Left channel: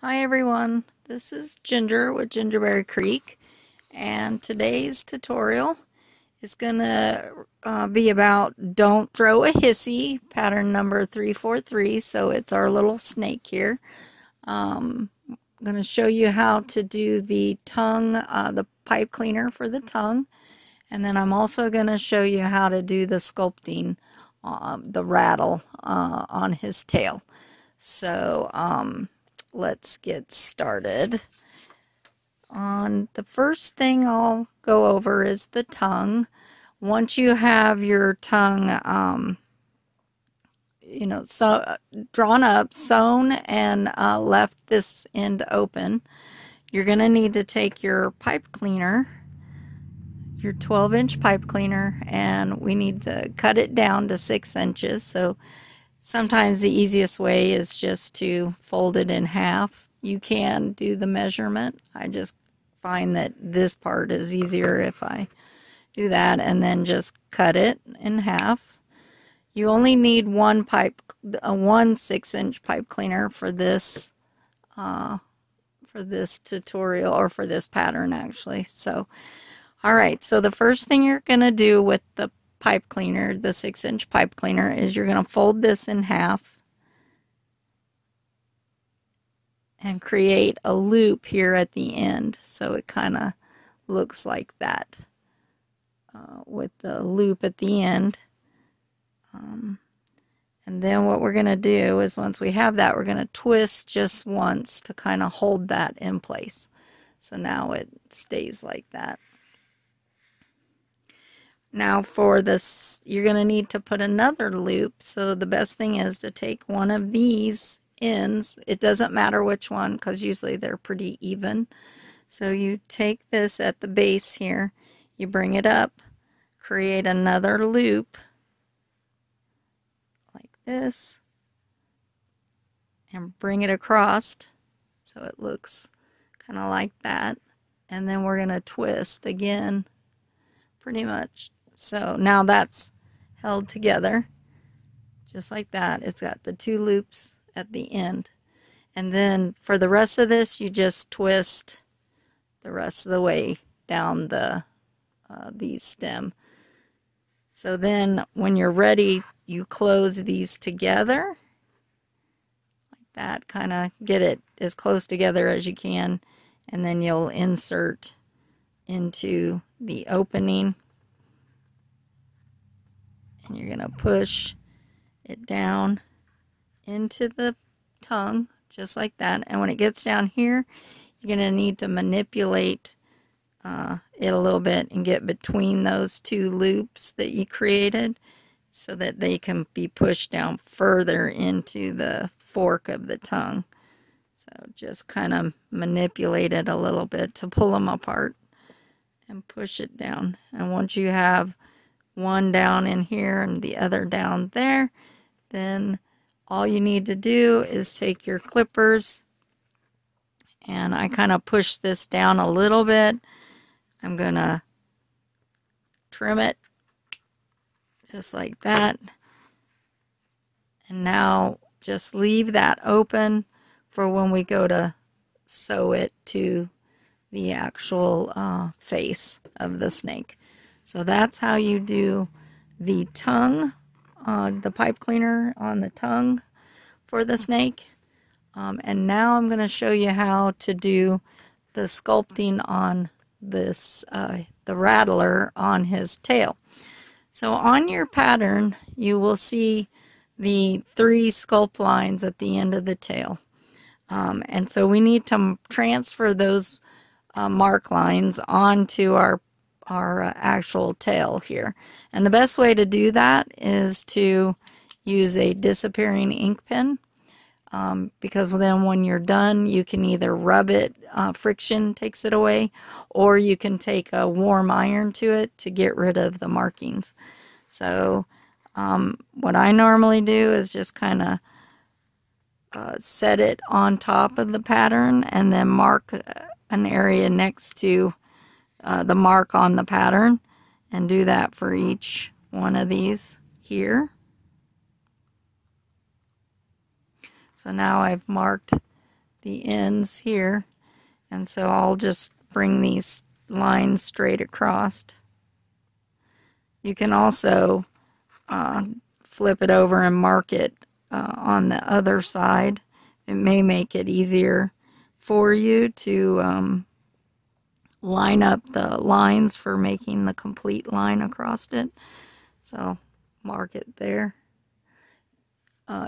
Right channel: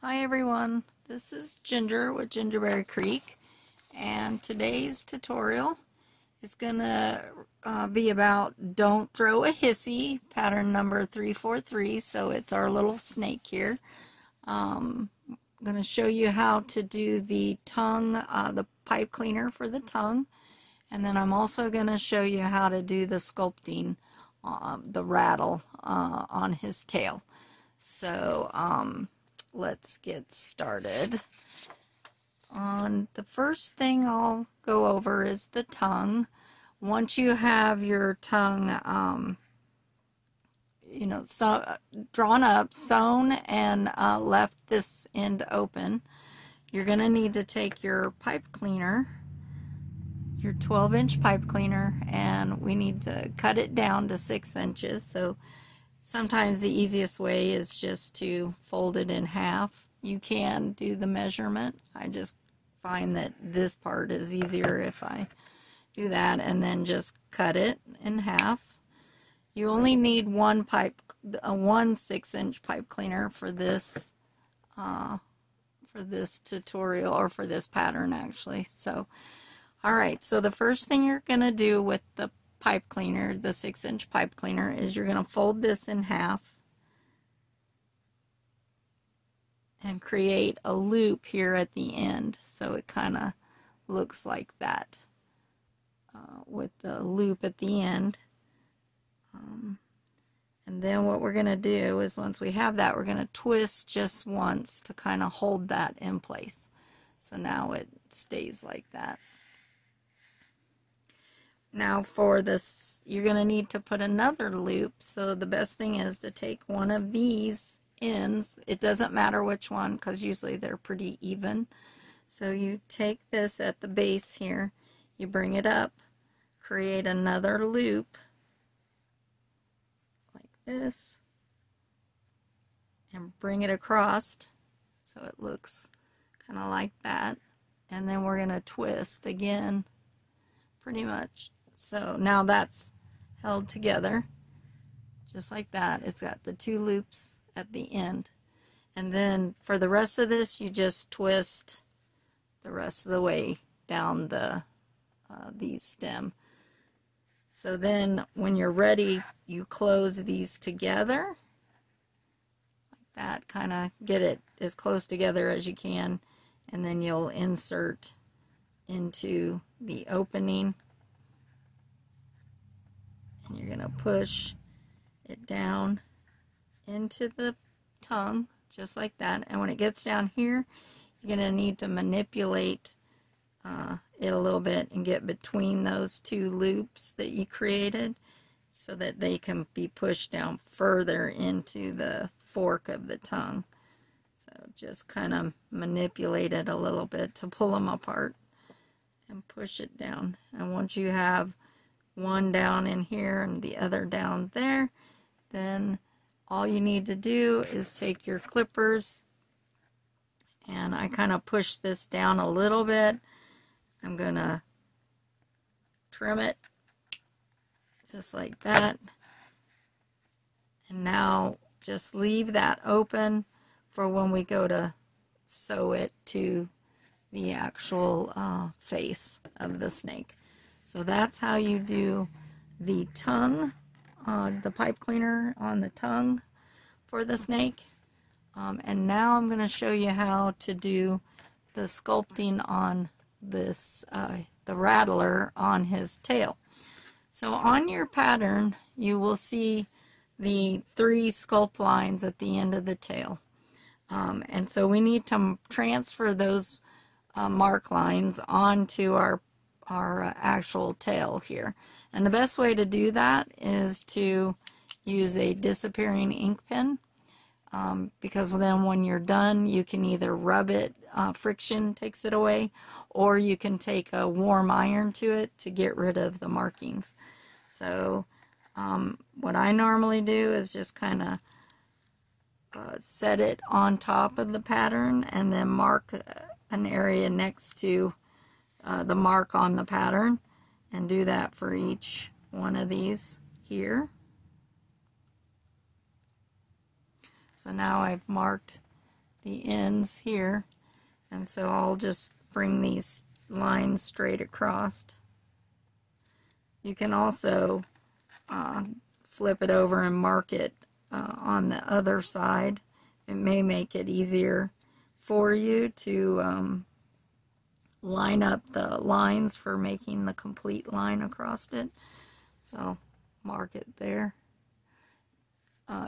Hi everyone, this is Ginger with Gingerberry Creek, and today's tutorial is going to be about don't throw a hissy, pattern number 343, so it's our little snake here. I'm going to show you how to do the tongue, the pipe cleaner for the tongue, and then I'm also going to show you how to do the sculpting, the rattle on his tail. So, let's get started. On the first thing I'll go over is the tongue. Once you have your tongue, drawn up, sewn, and left this end open, you're going to need to take your pipe cleaner, your 12-inch pipe cleaner, and we need to cut it down to 6 inches. So sometimes the easiest way is just to fold it in half. You can do the measurement. I just find that this part is easier if I do that, and then just cut it in half. You only need one 6-inch pipe cleaner for this tutorial, or for this pattern actually. So, all right. So the first thing you're going to do with the pipe cleaner, the 6-inch pipe cleaner, is you're going to fold this in half and create a loop here at the end, so it kind of looks like that, with the loop at the end. And then what we're going to do is, once we have that, we're going to twist just once to kind of hold that in place. So now it stays like that. Now for this, you're going to need to put another loop. So the best thing is to take one of these ends. It doesn't matter which one, because usually they're pretty even. So you take this at the base here, you bring it up, create another loop like this, and bring it across so it looks kind of like that. And then we're going to twist again, pretty much. So now that's held together just like that. It's got the two loops at the end. And then for the rest of this, you just twist the rest of the way down the stem. So then when you're ready, you close these together like that, kind of get it as close together as you can, and then you'll insert into the opening. And you're going to push it down into the tongue, just like that. And when it gets down here, you're going to need to manipulate it a little bit and get between those two loops that you created, so that they can be pushed down further into the fork of the tongue. So just kind of manipulate it a little bit to pull them apart and push it down. And once you have one down in here and the other down there, then all you need to do is take your clippers, and I kind of push this down a little bit. I'm gonna trim it just like that, and now just leave that open for when we go to sew it to the actual face of the snake. So that's how you do the tongue, the pipe cleaner on the tongue for the snake. And now I'm going to show you how to do the sculpting on this, the rattler on his tail. So on your pattern, you will see the 3 sculpt lines at the end of the tail. And so we need to transfer those mark lines onto our actual tail here. And the best way to do that is to use a disappearing ink pen, because then when you're done, you can either rub it, friction takes it away, or you can take a warm iron to it to get rid of the markings. So what I normally do is just kind of set it on top of the pattern, and then mark an area next to the mark on the pattern, and do that for each one of these here. So now I've marked the ends here, and so I'll just bring these lines straight across. You can also flip it over and mark it on the other side. It may make it easier for you to line up the lines for making the complete line across it. So mark it there.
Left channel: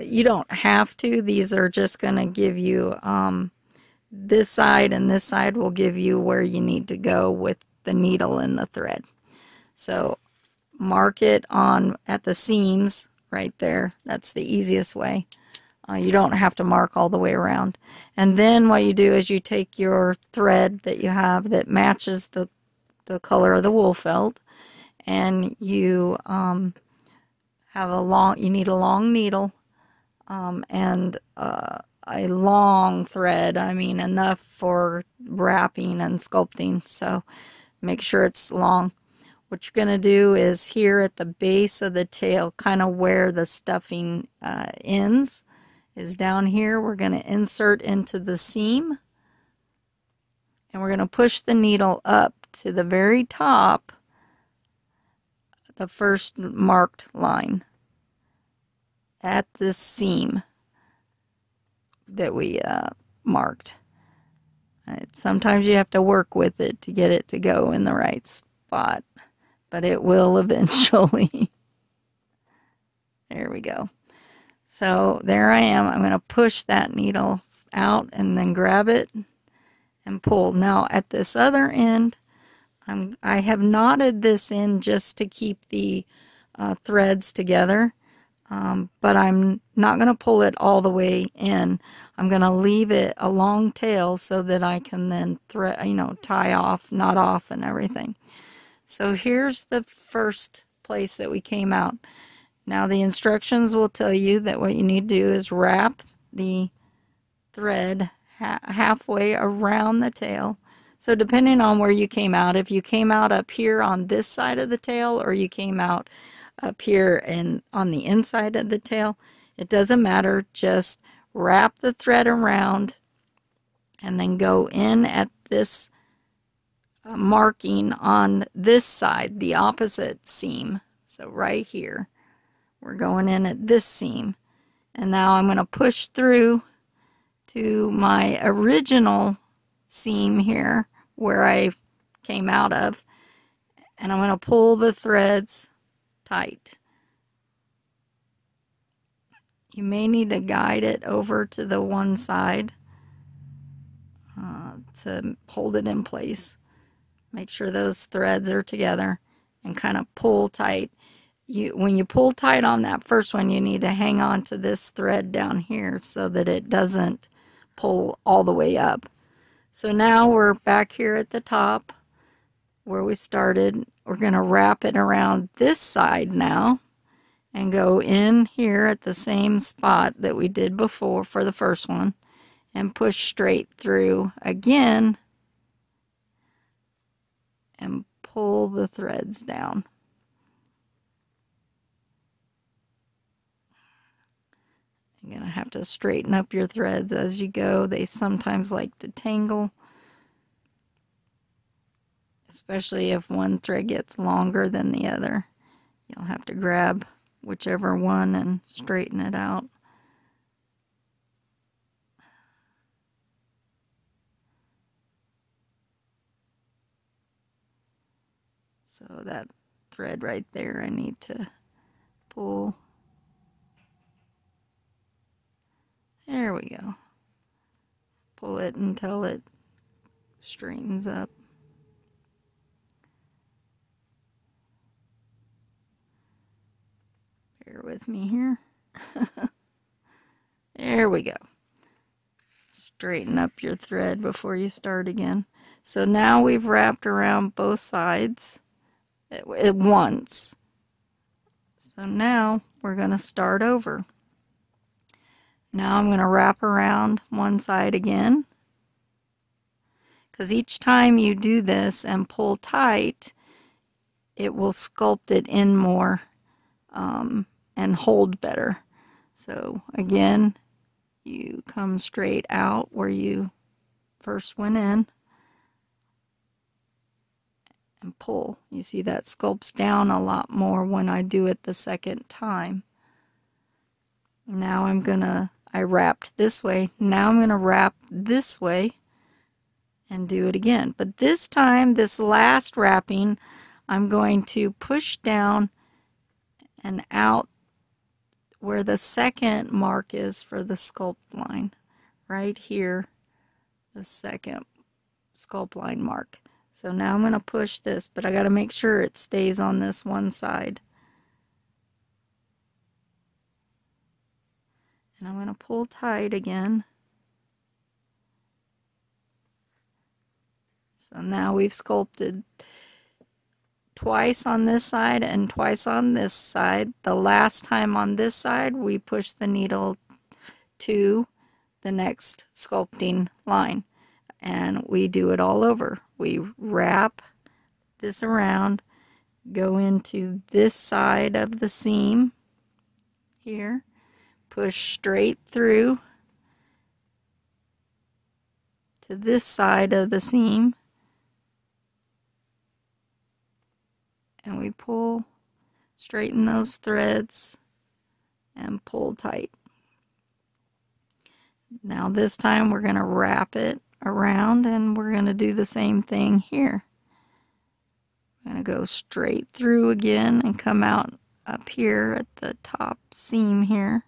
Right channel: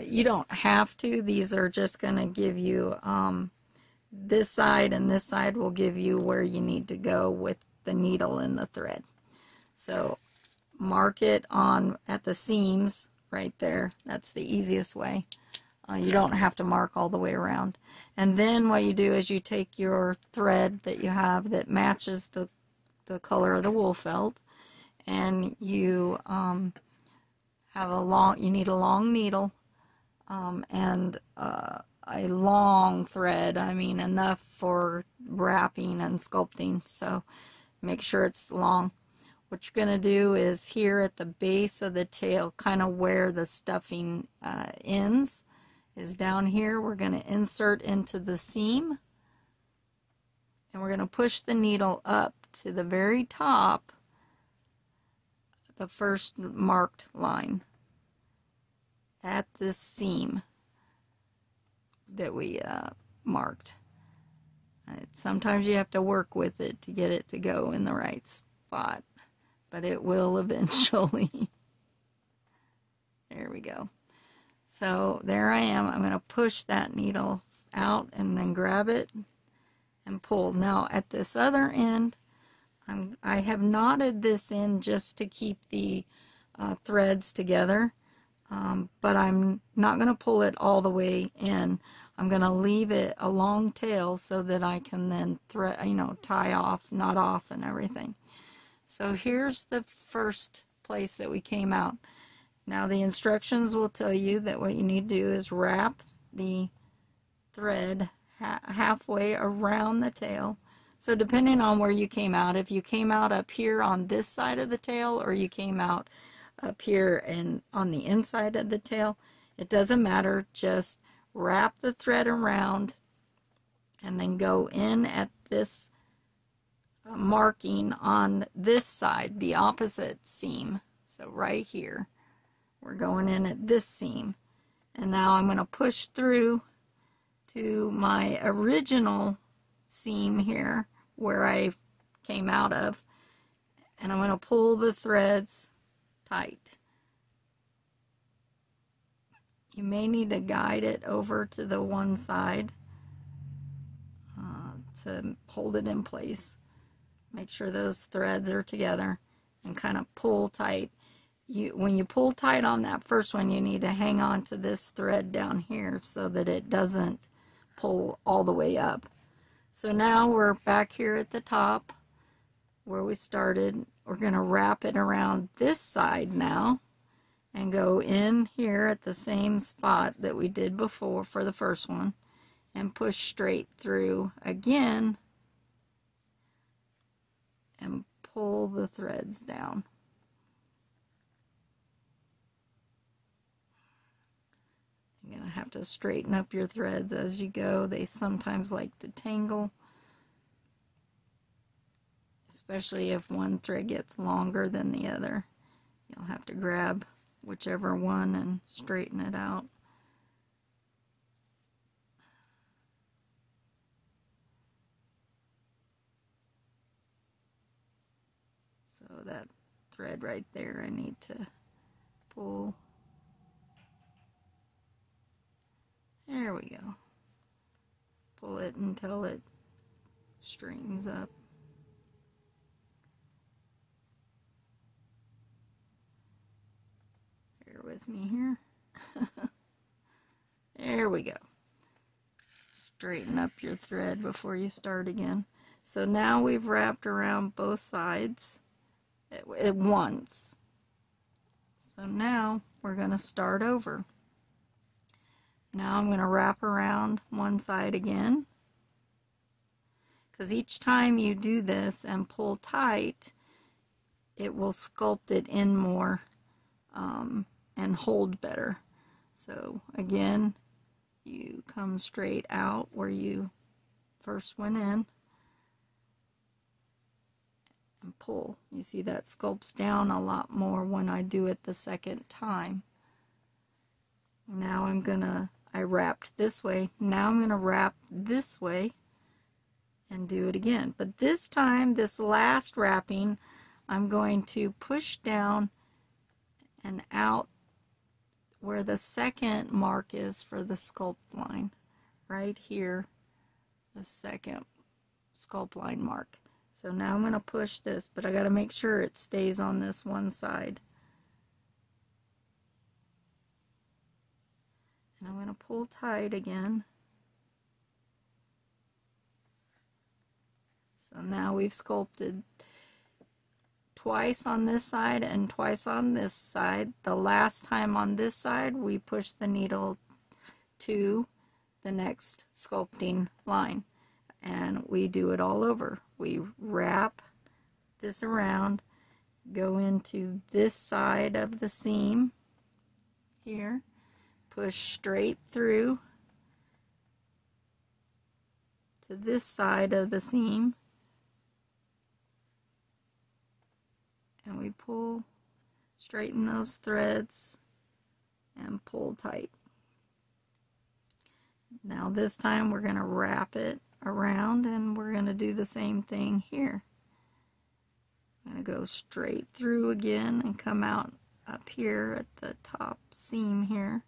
You don't have to. These are just going to give you this side, and this side will give you where you need to go with the needle and the thread. So mark it on at the seams right there. That's the easiest way. You don't have to mark all the way around. And then what you do is you take your thread that you have that matches the color of the wool felt, and you you need a long needle and a long thread. I mean, enough for wrapping and sculpting, so make sure it's long. What you're going to do is here at the base of the tail, kind of where the stuffing ends, is down here. We're going to insert into the seam, and we're going to push the needle up to the very top, the first marked line at this seam that we marked. Sometimes you have to work with it to get it to go in the right spot, but it will eventually. There we go. So there I am. I'm going to push that needle out and then grab it and pull. Now at this other end, I have knotted this in just to keep the threads together, but I'm not going to pull it all the way in. I'm going to leave it a long tail so that I can then tie off, knot off, and everything. So here's the first place that we came out. Now the instructions will tell you that what you need to do is wrap the thread halfway around the tail. So depending on where you came out, if you came out up here on this side of the tail, or you came out up here and on the inside of the tail, it doesn't matter. Just wrap the thread around and then go in at this marking on this side, the opposite seam. So right here, we're going in at this seam, and now I'm going to push through to my original seam here where I came out of, and I'm going to pull the threads tight. You may need to guide it over to the one side to hold it in place. Make sure those threads are together and kind of pull tight. When you pull tight on that first one, you need to hang on to this thread down here so that it doesn't pull all the way up. So now we're back here at the top where we started. We're going to wrap it around this side now and go in here at the same spot that we did before for the first one and push straight through again and pull the threads down. You're going to have to straighten up your threads as you go. They sometimes like to tangle, especially if one thread gets longer than the other. You'll have to grab whichever one and straighten it out. So that thread right there, I need to pull. There we go. Pull it until it straightens up. Bear with me here. There we go. Straighten up your thread before you start again. So now we've wrapped around both sides at once. So now we're going to start over. Now I'm going to wrap around one side again, because each time you do this and pull tight, it will sculpt it in more and hold better. So again, You come straight out where you first went in and pull. You see that sculpts down a lot more when I do it the second time. Now I wrapped this way. Now I'm going to wrap this way and do it again. But this time, this last wrapping, I'm going to push down and out where the second mark is for the sculpt line. Right here, the second sculpt line mark. So now I'm going to push this, but I got to make sure it stays on this one side. And I'm going to pull tight again. So now we've sculpted twice on this side and twice on this side. The last time on this side, we push the needle to the next sculpting line. And we do it all over. We wrap this around, go into this side of the seam here, push straight through to this side of the seam, and we pull, straighten those threads, and pull tight. Now this time we're going to wrap it around, and we're going to do the same thing here. I'm going to go straight through again and come out up here at the top seam here,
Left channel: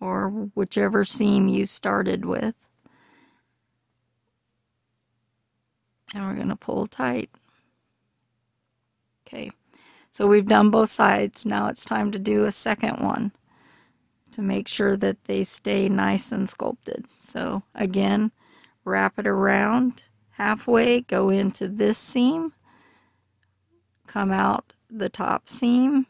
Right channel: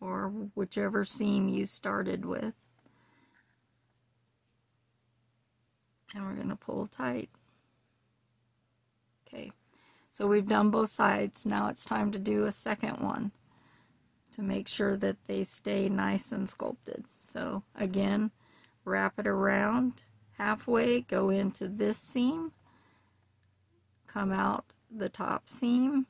or whichever seam you started with. And we're going to pull tight. Okay, so we've done both sides. Now it's time to do a second one to make sure that they stay nice and sculpted. So again, wrap it around halfway, go into this seam, come out the top seam,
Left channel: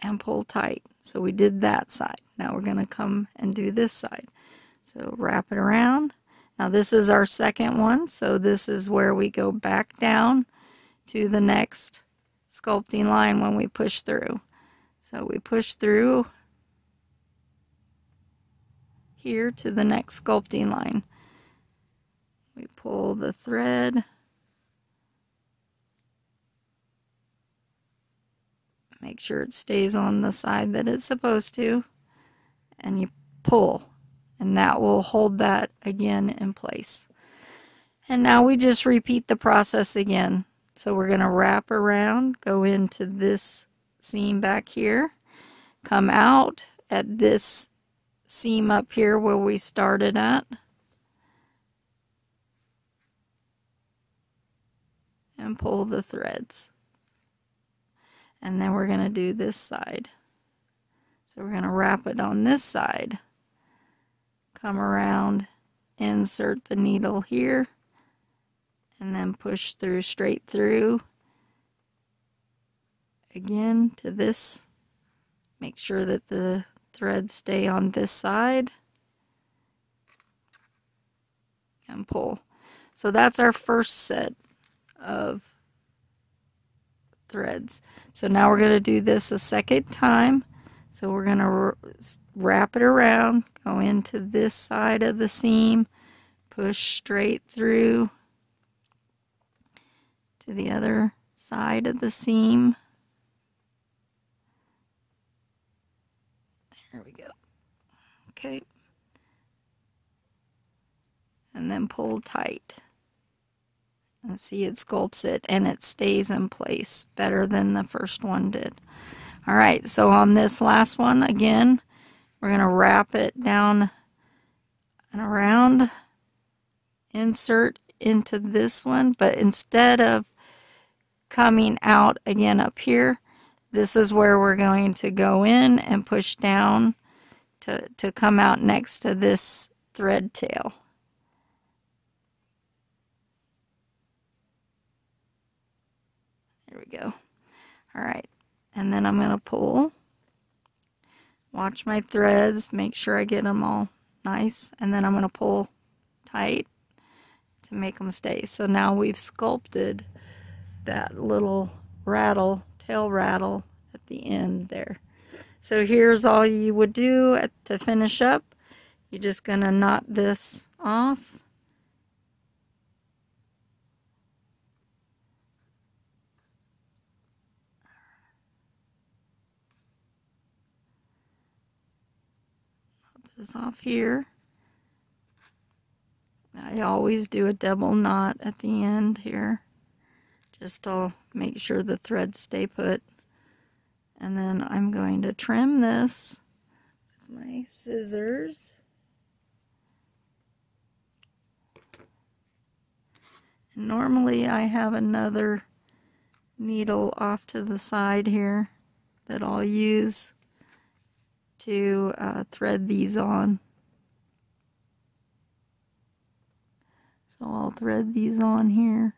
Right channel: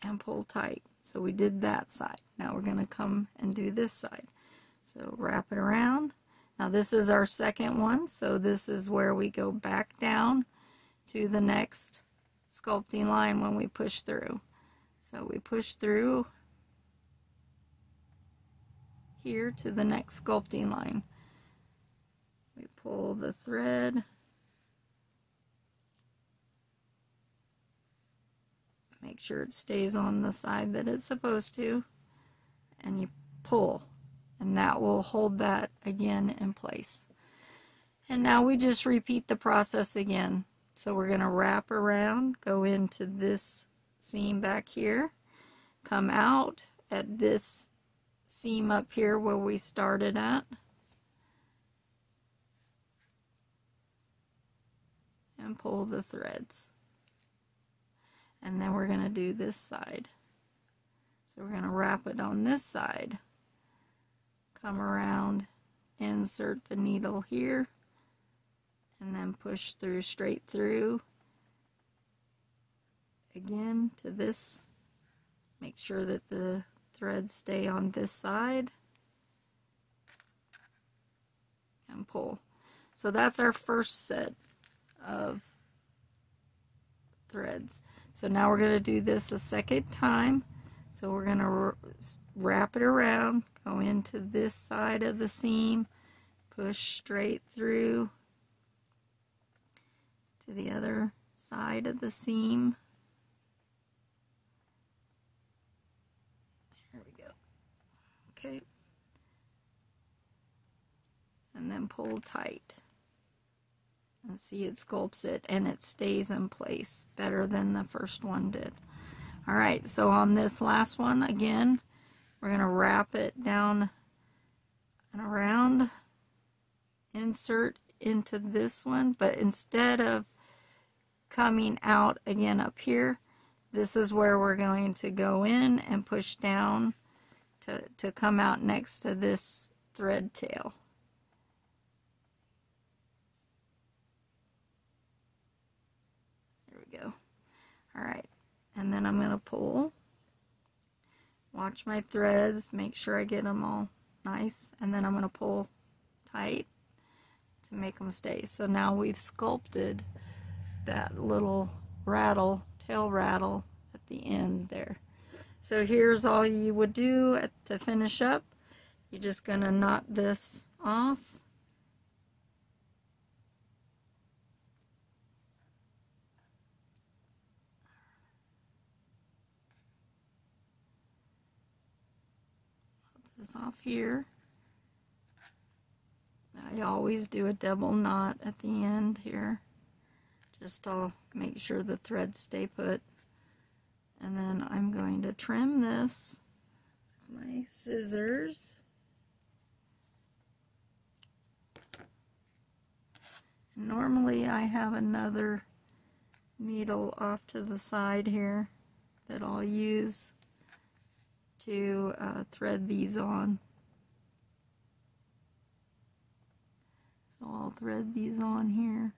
and pull tight. So we did that side. Now we're going to come and do this side. So wrap it around. Now this is our second one, so this is where we go back down to the next sculpting line when we push through. So we push through here to the next sculpting line. We pull the thread, make sure it stays on the side that it's supposed to, and you pull, and that will hold that again in place. And now we just repeat the process again. So we're going to wrap around, go into this seam back here, come out at this seam up here where we started at, and pull the threads. And then we're going to do this side. So we're going to wrap it on this side, come around, insert the needle here, and then push through, straight through again to this. Make sure that the threads stay on this side, and pull. So that's our first set of threads. So now we're going to do this a second time. So we're going to wrap it around, go into this side of the seam, push straight through to the other side of the seam. There we go. Okay. And then pull tight. And see, it sculpts it and it stays in place better than the first one did. All right, so on this last one, again, we're going to wrap it down and around, insert into this one, but instead of coming out again up here, this is where we're going to go in and push down to come out next to this thread tail. There we go. All right, and then I'm going to pull, watch my threads, make sure I get them all nice, and then I'm going to pull tight to make them stay. So now we've sculpted that little rattle, tail rattle at the end there. So here's all you would do to finish up. You're just going to knot this off. This off here. I always do a double knot at the end here, just to make sure the threads stay put. And then I'm going to trim this with my scissors. And normally I have another needle off to the side here that I'll use to thread these on. So I'll thread these on here.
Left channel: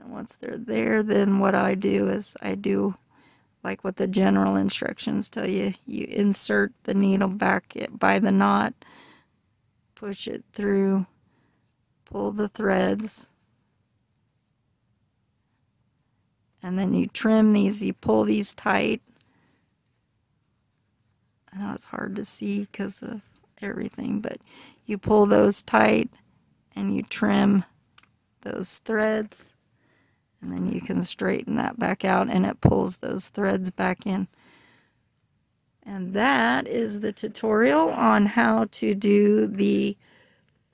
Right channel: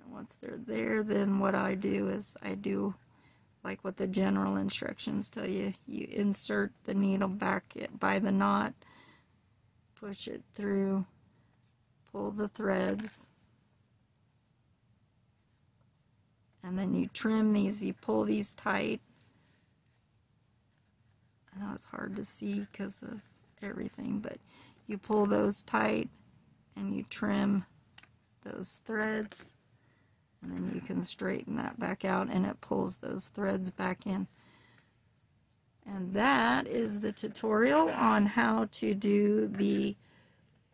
And once they're there, then what I do is I do like what the general instructions tell you. You insert the needle back by the knot, push it through, pull the threads, and then you trim these, you pull these tight. I know it's hard to see because of everything, but you pull those tight and you trim those threads, and then you can straighten that back out and it pulls those threads back in. And that is the tutorial on how to do the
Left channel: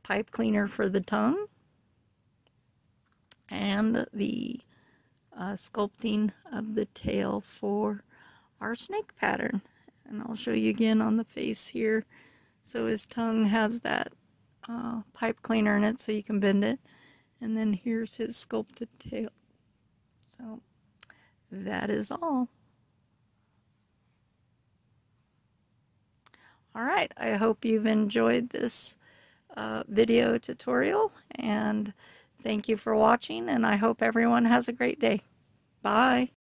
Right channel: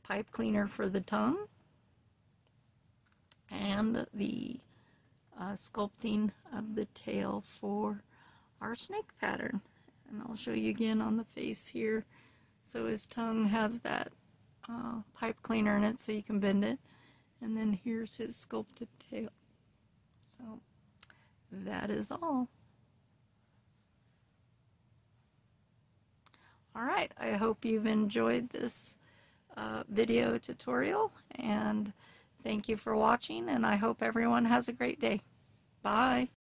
pipe cleaner for the tongue and the sculpting of the tail for our snake pattern. And I'll show you again on the face here. So his tongue has that pipe cleaner in it so you can bend it. And then here's his sculpted tail. So that is all. Alright, I hope you've enjoyed this video tutorial, and thank you for watching, and I hope everyone has a great day. Bye!